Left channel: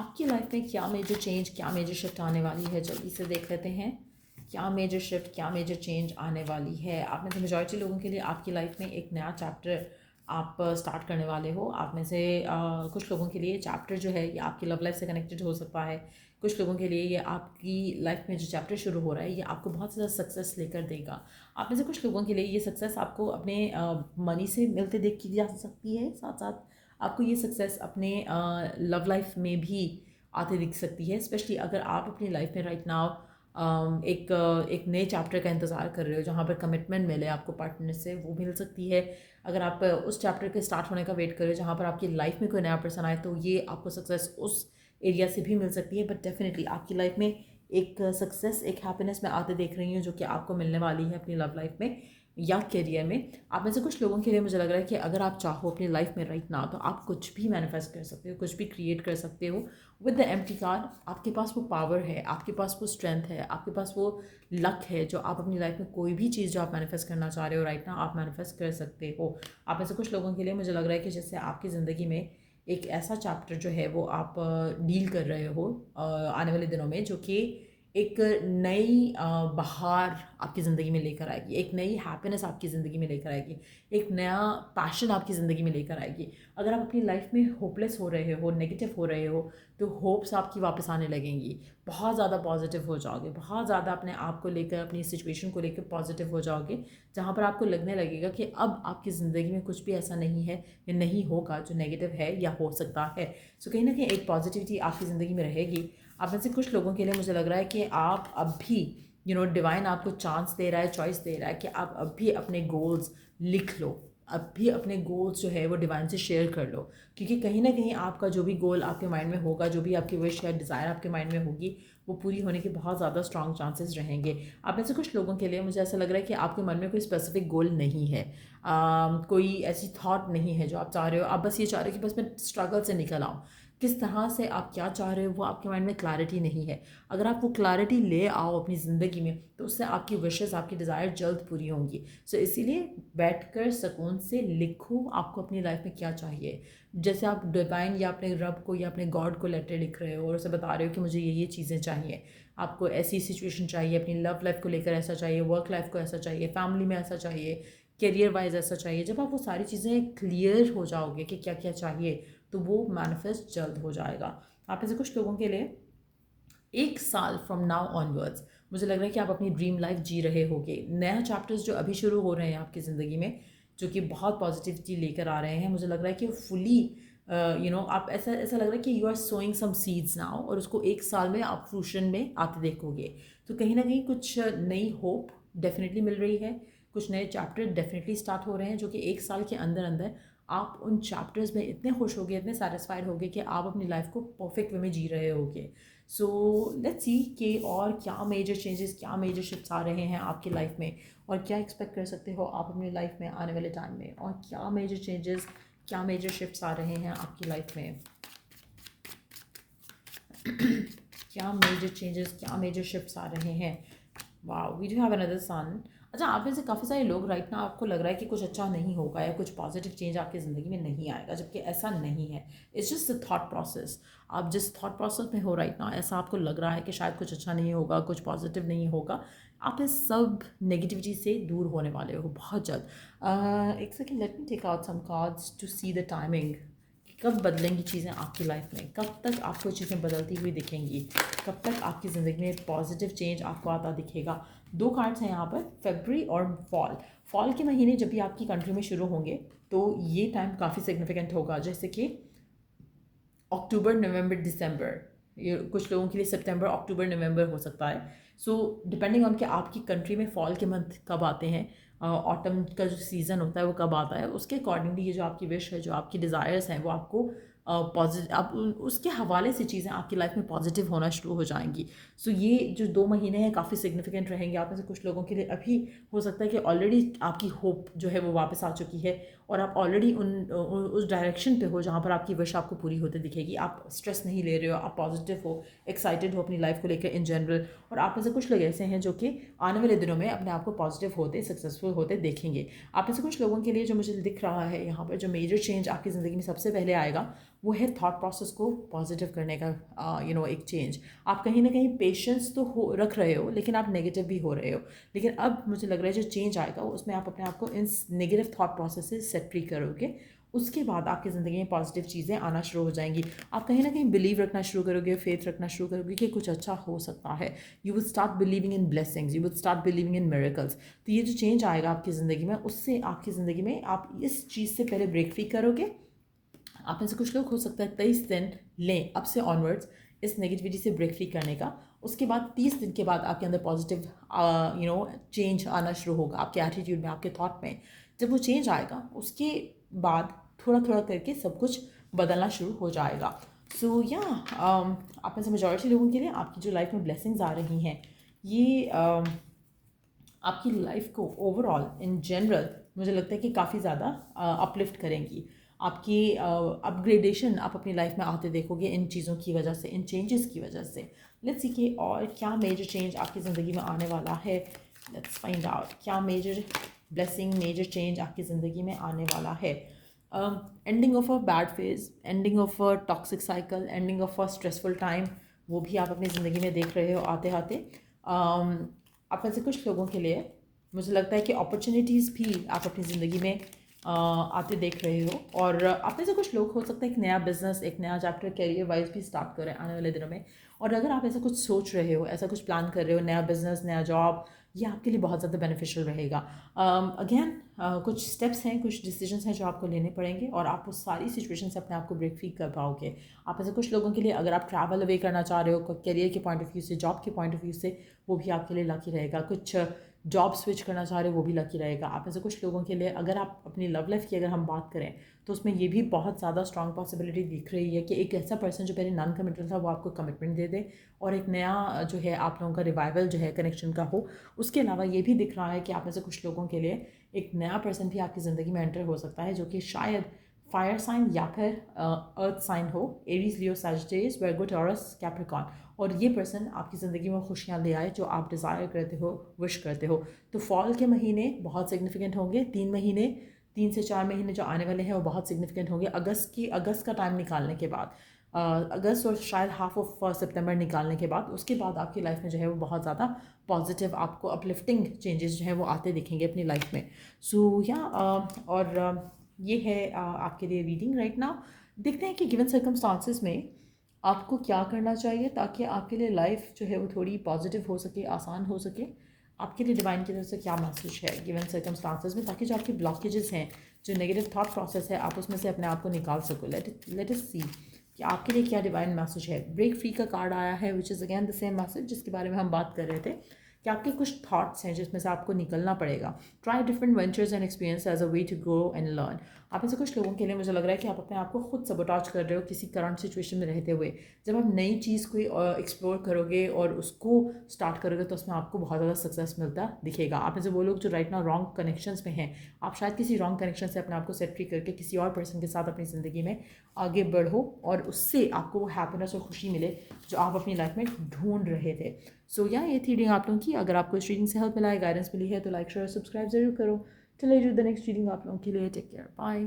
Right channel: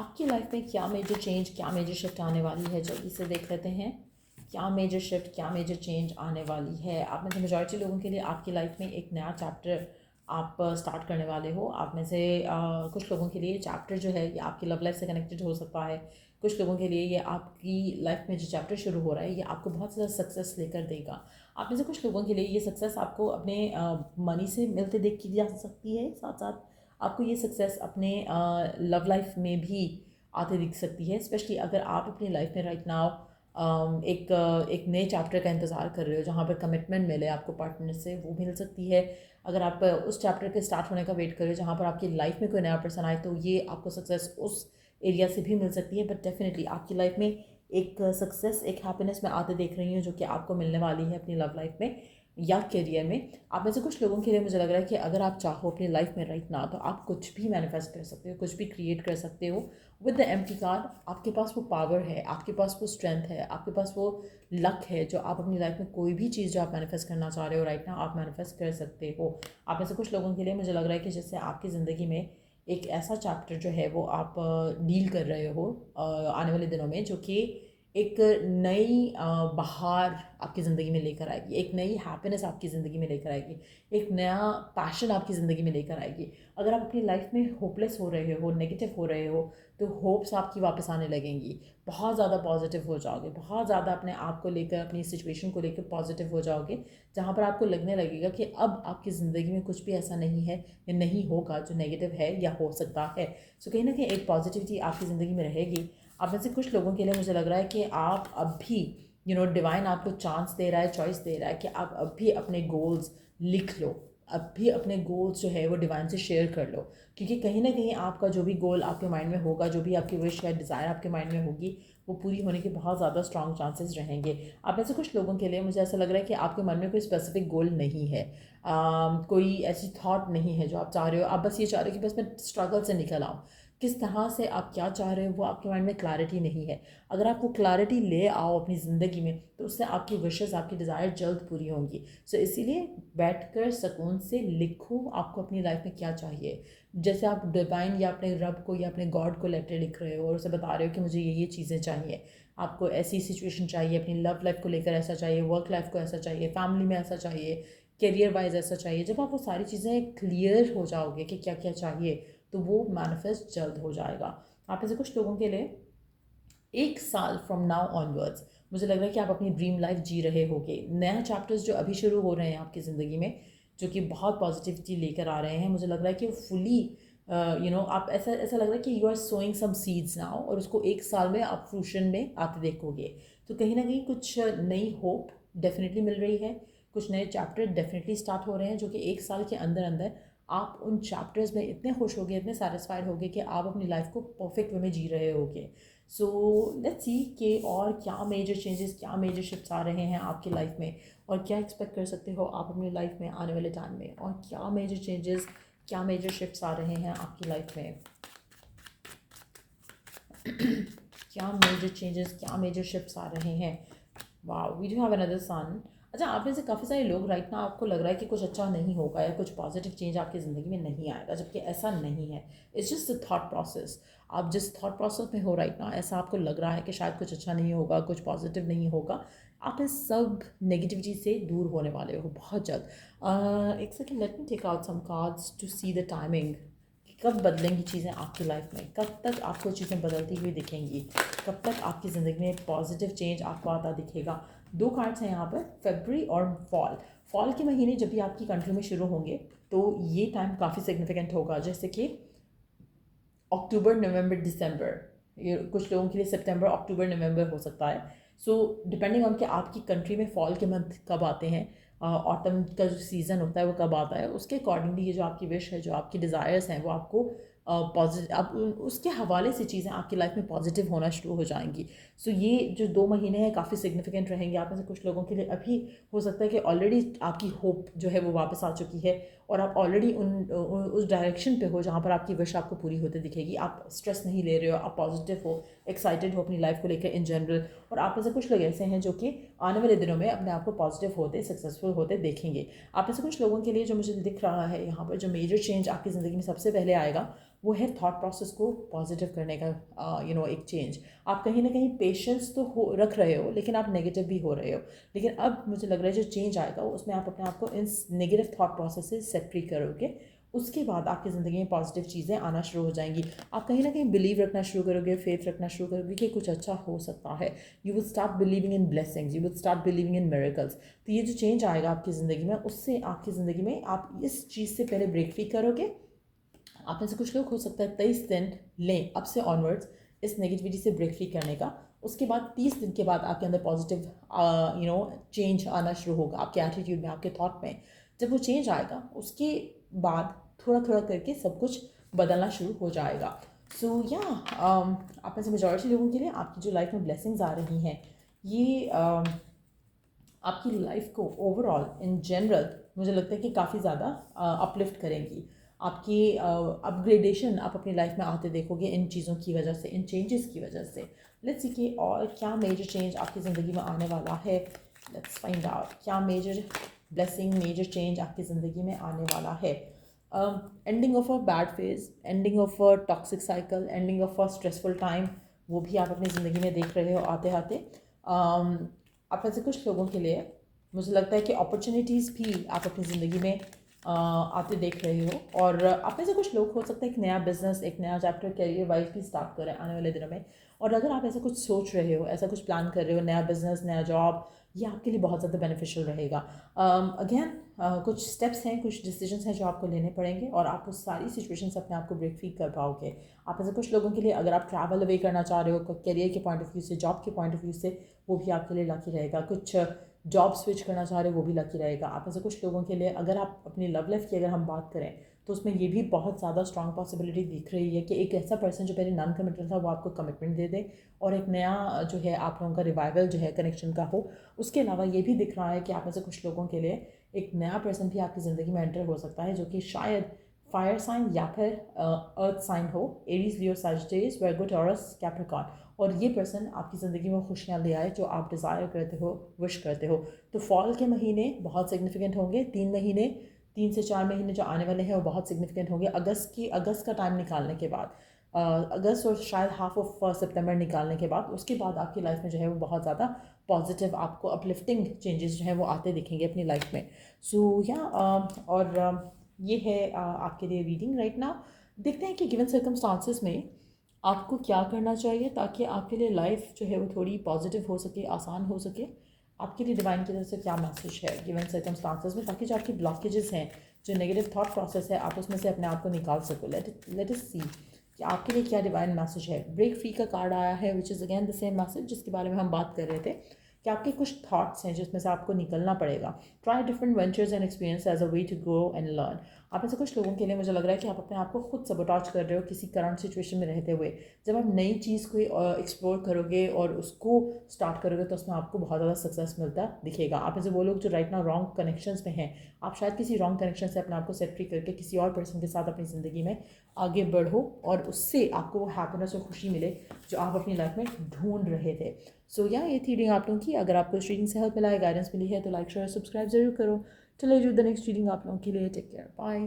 आपकी लाइफ में क्या मेजर चेंज, क्या मेजर शिफ्ट आने वाली है, जल्दी से देख लेते हैं। क्या मेजर शिफ्ट, क्या मेजर चेंज आने वाली है। आप में से मेजॉरिटी लोगों के लिए आपकी लाइफ में एक नया चैप्टर आप स्टार्ट करने वाले हो। आप में से कुछ लोगों के लिए चैप्टर जो है ये आपकी लव लाइफ से कनेक्टेड हो सकता है। कुछ लोगों के लिए ये आपकी लाइफ में जो चैप्टर शुरू हो रहा है ये आपको बहुत ज़्यादा सक्सेस लेकर देगा। आप में से कुछ लोगों के लिए ये सक्सेस आपको अपने मनी से मिलते देख की जा सकती है। साथ साथ आपको ये सक्सेस अपने लव लाइफ में भी आते दिख सकती है। स्पेशली अगर आप अपनी लाइफ में राइट नाउ एक नए चैप्टर का इंतज़ार कर रहे हो जहाँ पर कमिटमेंट मिले आपको पार्टनर से, वो मिल सकती है। अगर आप उस चैप्टर के स्टार्ट होने का वेट कर रहे हो जहाँ पर आपकी लाइफ में कोई नया पर्सन आए, तो ये आपको सक्सेस उस एरिया से भी मिल सकती है। बट डेफिनेटली आपकी लाइफ में एक सक्सेस, एक हैप्पीनेस मैं आते देख रही हूँ जो कि आपको मिलने वाली है अपनी लव लाइफ में या करियर में। आप में से कुछ लोगों के लिए मुझे लग रहा है कि अगर आप चाहो अपनी लाइफ में राइट नाउ, तो आप कुछ भी मैनिफेस्ट कर सकते हो, कुछ भी क्रिएट कर सकते हो विद द एम्प्टी कार्ड। आपके पास वो पावर है, आपके पास वो स्ट्रेंथ है, आपके पास वो लक है जो आप अपनी लाइफ में कोई भी चीज़ जो आप मैनिफेस्ट करना चाह रहे हो राइट नाउ, आप मैनिफेस्ट कर सकते हो। आप में से कुछ लोगों के लिए मुझे लग रहा है कि जैसे आपकी ज़िंदगी में एक ऐसा चैप्टर जो है वो आप डील कर रहे हो आने वाले दिनों में, जो कि एक नई बहार आपकी ज़िंदगी में लेकर आएगी, एक नई हैप्पीनेस आपकी ज़िंदगी में लेकर आएगी, एक नया पैशन आपकी ज़िंदगी में लेकर आएगी। अगर आप अपनी लाइफ में होपलेस हो रहे हो, नेगेटिव हो रहे हो, तो होप्स आपकी वापस आने लगेंगी। बहुत ज़्यादा पॉजिटिव हो जाओगे, बहुत ज़्यादा अपने आप को लेकर, अपनी सिचुएशन को लेकर पॉजिटिव हो जाओगे, जहाँ पर आपको लगने लगेगा कि अब आपकी ज़िंदगी में कुछ भी ऐसा नहीं है या नहीं होगा जो नेगेटिव है या हो सकता है। सो कहीं ना कहीं एक पॉजिटिविटी आपकी ज़िंदगी में रहेगी। आप में से कुछ लोगों के लिए मुझे लग रहा है कि आप अब भी डिवाइन आपको चांस दे रहा है, चॉइस दे रहा है कि आप अब भी अपने गोल्स लिख लो, अब भी अपने गोल्स जो है वो डिवाइन से शेयर कर लो। क्योंकि कहीं ना कहीं आपका जो भी गोल आपके माइंड में होगा, जो भी आपकी विश या डिज़ायर आपके माइंड में होगी, वो पूरी होने के बहुत ज़्यादा स्ट्रॉन्ग चांसेस रहेंगे। आप में से कुछ लोगों के लिए मुझे ऐसा लग रहा है कि आपके मन में कोई स्पेसिफिक गोल नहीं है, कोई ऐसी थॉट नहीं है जो आप चाह रहे हो। आप बस ये चाह रहे हो कि बस मैं स्ट्रगल से निकल आऊँ। किस तरह से आप क्या चाह रहे हो वो आपके माइंड में क्लैरिटी नहीं है। अगर आप वो क्लैरिटी ले आओ अपनी ज़िंदगी में, तो उससे आपकी विशेज़, आपकी डिज़ायर जल्द पूरी होंगी। सो इसीलिए बैठकर सुकून से लिखो आपको अपनी लाइफ में क्या चाहिए। जैसे आप डिवाइन या अपने रब को या अपने गॉड को लेटर लिख रहे हो और उसे बता रहे हो कि मुझे ये चीज़ें चाहिए, आपको ऐसी सिचुएशन चाहिए, अपनी लव लाइफ को लेकर ऐसा चाहिए, वर्क लाइफ को ऐसा चाहिए, फैमिली में ऐसा चाहिए, करियर वाइज ऐसा चाहिए। जब आप वो सारी चीज़ें क्लियर हो जाओगे कि क्या क्या चाहिए, तो वो मैनिफेस्ट जल्द हो जाएगा। आप ऐसे कुछ लोगों के लिए 1 साल फ्रॉम नाउ ऑनवर्ड्स मुझे लग रहा है कि आप अपनी ड्रीम लाइफ जी रहे होगे। नया चैप्टर्स जो अभी शुरू हो रहे हैं आपकी ज़िंदगी में, जो कि बहुत पॉजिटिविटी लेकर आ रहे हैं, मुझे लग रहा है कि वो फुली आप ऐसा ऐसा लग रहा है कि you are sowing some seeds now, और उसको 1 साल में आप फ्रूशन में आते देखोगे। तो कहीं ना कहीं कुछ नई होप डेफिनेटली मिल रही है, कुछ नए चैप्टर डेफिनेटली स्टार्ट हो रहे हैं, जो कि 1 साल के अंदर अंदर आप उन चैप्टर्स में इतने खुश होगे, इतने सेटिस्फाइड होगे कि आप अपनी लाइफ को परफेक्ट वे में जी रहे होगे। सो लेट्स सी कि और क्या मेजर चेंजेस, क्या मेजर शिफ्ट्स आ रहे हैं आपकी लाइफ में, और क्या एक्सपेक्ट कर सकते हो आप अपनी लाइफ में आने वाले टाइम में, और क्या मेजर चेंजेस, क्या मेजर शिफ्ट्स आ रहे हैं आपकी लाइफ में। क्या मेजर चेंजेस, क्या मेजर शिफ्ट्स आ रहे हैं। Wow, we do have another son. अच्छा, आप में से काफ़ी सारे लोग राइट ना, आपको लग रहा है कि कुछ अच्छा नहीं होगा या कुछ पॉजिटिव चेंज आपकी ज़िंदगी में नहीं आएगा, जबकि ऐसा नहीं है। It's just a thought process. आप जिस थॉट प्रोसेस में हो राइट ना, ऐसा आपको लग रहा है कि शायद कुछ अच्छा नहीं होगा, कुछ पॉजिटिव नहीं होगा, आप इस सब नेगेटिविटी से दूर होने वाले हो बहुत जल्द। एक second, let me take out some cards to see the timing. कब बदलेंगी चीज़ें आपकी लाइफ में, कब तक आपको चीज़ें बदलती हुई दिखेंगी, कब तक आपकी ज़िंदगी में पॉजिटिव चेंज आपको आता दिखेगा। 2 कार्ड्स हैं यहाँ पर, फरवरी और फॉल। फॉल के महीने जब भी आपकी कंट्री में शुरू होंगे, तो ये टाइम काफ़ी सिग्निफिकेंट होगा। जैसे कि अक्टूबर, नवंबर, दिसंबर, ये कुछ लोगों के लिए सितंबर, अक्टूबर, नवंबर हो सकता है। सो डिपेंडिंग ऑन कि आपकी कंट्री में फॉल के मंथ कब आते हैं, ऑटम का जो सीज़न होता है वो कब आता है, उसके अकॉर्डिंगली ये जो आपकी विश है, जो आपकी डिज़ायर्स हैं, वो आपको पॉजिटिव, आप उसके हवाले से चीज़ें आपकी लाइफ में पॉजिटिव होना शुरू हो जाएंगी। सो ये जो 2 महीने हैं काफ़ी सिग्निफिकेंट रहेंगे। आप में से कुछ लोगों के लिए अभी हो सकता है कि ऑलरेडी आपकी होप जो है वो वापस आ चुकी है, और आप ऑलरेडी उस डायरेक्शन पे हो जहाँ पर आपकी विश आपको पूरी होते दिखेगी। आप स्ट्रेस नहीं ले रहे हो, आप पॉजिटिव हो, एक्साइटेड हो अपनी लाइफ को लेकर इन जनरल। और आप में से कुछ लोग ऐसे हैं जो कि आने वाले दिनों में अपने आप को पॉजिटिव होते, सक्सेसफुल होते देखेंगे। आप में से कुछ लोगों के लिए जो मुझे दिख रहा है यहाँ पर, जो मेजर चेंज आपकी ज़िंदगी में सबसे पहले आएगा, वो है थॉट प्रोसेस को पॉजिटिव करने का एक चेंज। आप कहीं ना कहीं पेशेंस तो हो रख रहे हो, लेकिन आप नेगेटिव भी हो रहे हो। लेकिन अब मुझे लग रहा है जो चेंज आएगा उसमें आप अपने आप को इन नेगेटिव थॉट प्रोसेस से सेट फ्री करोगे। उसके बाद आपकी ज़िंदगी में पॉजिटिव चीज़ें आना शुरू हो जाएंगी। आप कहीं ना कहीं बिलीव रखना शुरू करोगे, फेथ रखना शुरू करोगे कि कुछ अच्छा हो सकता है। You will start believing in blessings, you will start believing in miracles. तो ये जो चेंज आएगा आपकी ज़िंदगी में, उससे आपकी ज़िंदगी में आप इस चीज़ से पहले ब्रेक फ्री करोगे। आप में से कुछ लोग हो सकता है 23 दिन लें अब से ऑनवर्ड्स इस नेगेटिविटी से ब्रेक फ्री करने का। उसके बाद 30 दिन के बाद आपके अंदर पॉजिटिव चेंज आना शुरू होगा, आपके एटीट्यूड में, आपके थॉट में। जब वो चेंज आएगा उसके बाद थोड़ा थोड़ा करके सब कुछ बदलना शुरू हो जाएगा। सो या आप में से मेजॉरिटी लोगों के लिए आपकी जो लाइफ में ब्लेसिंग्स आ रही हैं, ये आपकी लाइफ को ओवरऑल इन जनरल मुझे लगता है कि काफ़ी ज़्यादा अपलिफ्ट करेंगी। आपकी अपग्रेडेशन आप अपनी लाइफ में आते देखोगे इन चीज़ों की वजह से, इन चेंजेस की वजह से। लेट्स सी कि और क्या मेजर चेंज आपकी ज़िंदगी में आने वाला है। लेट्स फाइंड आउट क्या मेजर ब्लेसिंग, मेजर चेंज आपकी ज़िंदगी में आने वाला है। Ending of a bad phase, ending of a toxic cycle, ending of a stressful time, वो भी आप अपनी ज़िंदगी में देख रहे हो आते आते। आप में से कुछ लोगों के लिए मुझे लगता है कि अपॉर्चुनिटीज़ भी आप अपनी ज़िंदगी में आते देख रहे हो। और आप में से कुछ लोग हो सकता है एक नया बिजनेस, एक नया चैप्टर कैरियर वाइज भी स्टार्ट करें आने वाले दिनों में। और अगर आप ऐसा कुछ सोच रहे हो, ऐसा कुछ प्लान कर रहे हो, नया बिजनेस, नया जॉब, ये आपके लिए बहुत ज़्यादा बेनिफिशियल रहेगा। अगेन कुछ स्टेप्स हैं, कुछ डिसीजंस हैं जो आपको लेने पड़ेंगे और आप उस सारी सिचुएशन से अपने आप को ब्रेक फ्री कर पाओगे। आप ऐसे कुछ लोगों के लिए अगर आप ट्रैवल अवे करना चाह रहे हो करियर के पॉइंट ऑफ व्यू से, जॉब के पॉइंट ऑफ व्यू से, वो भी आपके लिए लकी रहेगा। कुछ जॉब स्विच करना चाह रहे हो वो भी लकी रहेगा। आप ऐसे कुछ लोगों के लिए अगर आप अपनी लव लाइफ की अगर हम बात करें तो उसमें ये भी बहुत ज़्यादा स्ट्रॉन्ग पॉसिबिलिटी दिख रही है कि एक ऐसा पर्सन जो पहले नॉन कमिटल था वो आपको कमिटमेंट दे दे और एक नया जो है आप लोगों का रिवाइवल जो है कनेक्शन का हो। उसके अलावा ये भी दिख रहा है कि आप में से कुछ लोगों के लिए एक नया पर्सन भी आपकी ज़िंदगी में एंटर हो सकता है जो कि शायद फायर साइन या फिर अर्थ साइन हो, एरीज, लियो, सैजिटेरियस, वर्गो, टॉरस, कैप्रिकॉर्न। और ये पर्सन आपकी ज़िंदगी में खुशियाँ ले आए जो आप डिज़ायर करते हो, विश करते हो। तो फॉल के महीने बहुत सिग्निफिकेंट होंगे। 3 से 4 महीने जो आने वाले हैं वो बहुत सिग्निफिकेंट होंगे। अगस्त का टाइम निकालने के बाद, अगस्त और शायद हाफ ऑफ सितंबर निकालने के बाद, उसके बाद आपकी लाइफ में जो है वो बहुत ज़्यादा पॉजिटिव, आपको अपलिफ्टिंग चेंजेस जो है वो आते दिखेंगे अपनी लाइफ में। सो या और ये है आपके लिए रीडिंग राइट नाउ। देखते हैं कि गिवन सर्कमस्टांसिस में आपको क्या करना चाहिए ताकि आपके लिए लाइफ जो है वो थोड़ी पॉजिटिव हो सके, आसान हो सके। आपके लिए डिवाइन की तरफ से क्या मैसेज है गिवन सर्कमस्टांसिस में, ताकि जो आपकी ब्लॉकेजेस हैं, जो नेगेटिव थॉट प्रोसेस है, आप उसमें से अपने आप को निकाल सको। लेट अस सी कि आपके लिए क्या डिवाइन मैसेज है। ब्रेक फ्री का कार्ड आया है which is again the same message जिसके बारे में हम बात कर रहे थे कि आपके कुछ थॉट्स हैं जिसमें से आपको निकलना पड़ेगा। Try different ventures and experience as a way to grow and learn. आप ऐसे कुछ लोगों के लिए मुझे लग रहा है कि आप अपने आप को खुद सबोटाज कर रहे हो किसी करंट सिचुएशन में रहते हुए। जब आप नई चीज़ को एक्सप्लोर करोगे और उसको स्टार्ट करोगे तो उसमें आपको बहुत ज़्यादा सक्सेस मिलता दिखेगा। आप ऐसे वो लोग जो राइट नाउ रॉन्ग कनेक्शंस में हैं, आप शायद किसी रॉन्ग कनेक्शन से अपने आप को सेट फ्री करके किसी और पर्सन के साथ अपनी ज़िंदगी में आगे बढ़ो और उससे आपको वो हैप्पीनेस और खुशी मिले जो आप अपनी लाइफ में ढूंढ रहे थे। सो या ये थी रीडिंग आप लोगों की। अगर आपको इस रीडिंग से हेल्प मिला है, गाइडेंस मिली है, तो लाइक शेयर सब्सक्राइब जरूर करो। चलिए जो द नेक्स्ट रीडिंग आप लोगों के लिए। Take care, bye.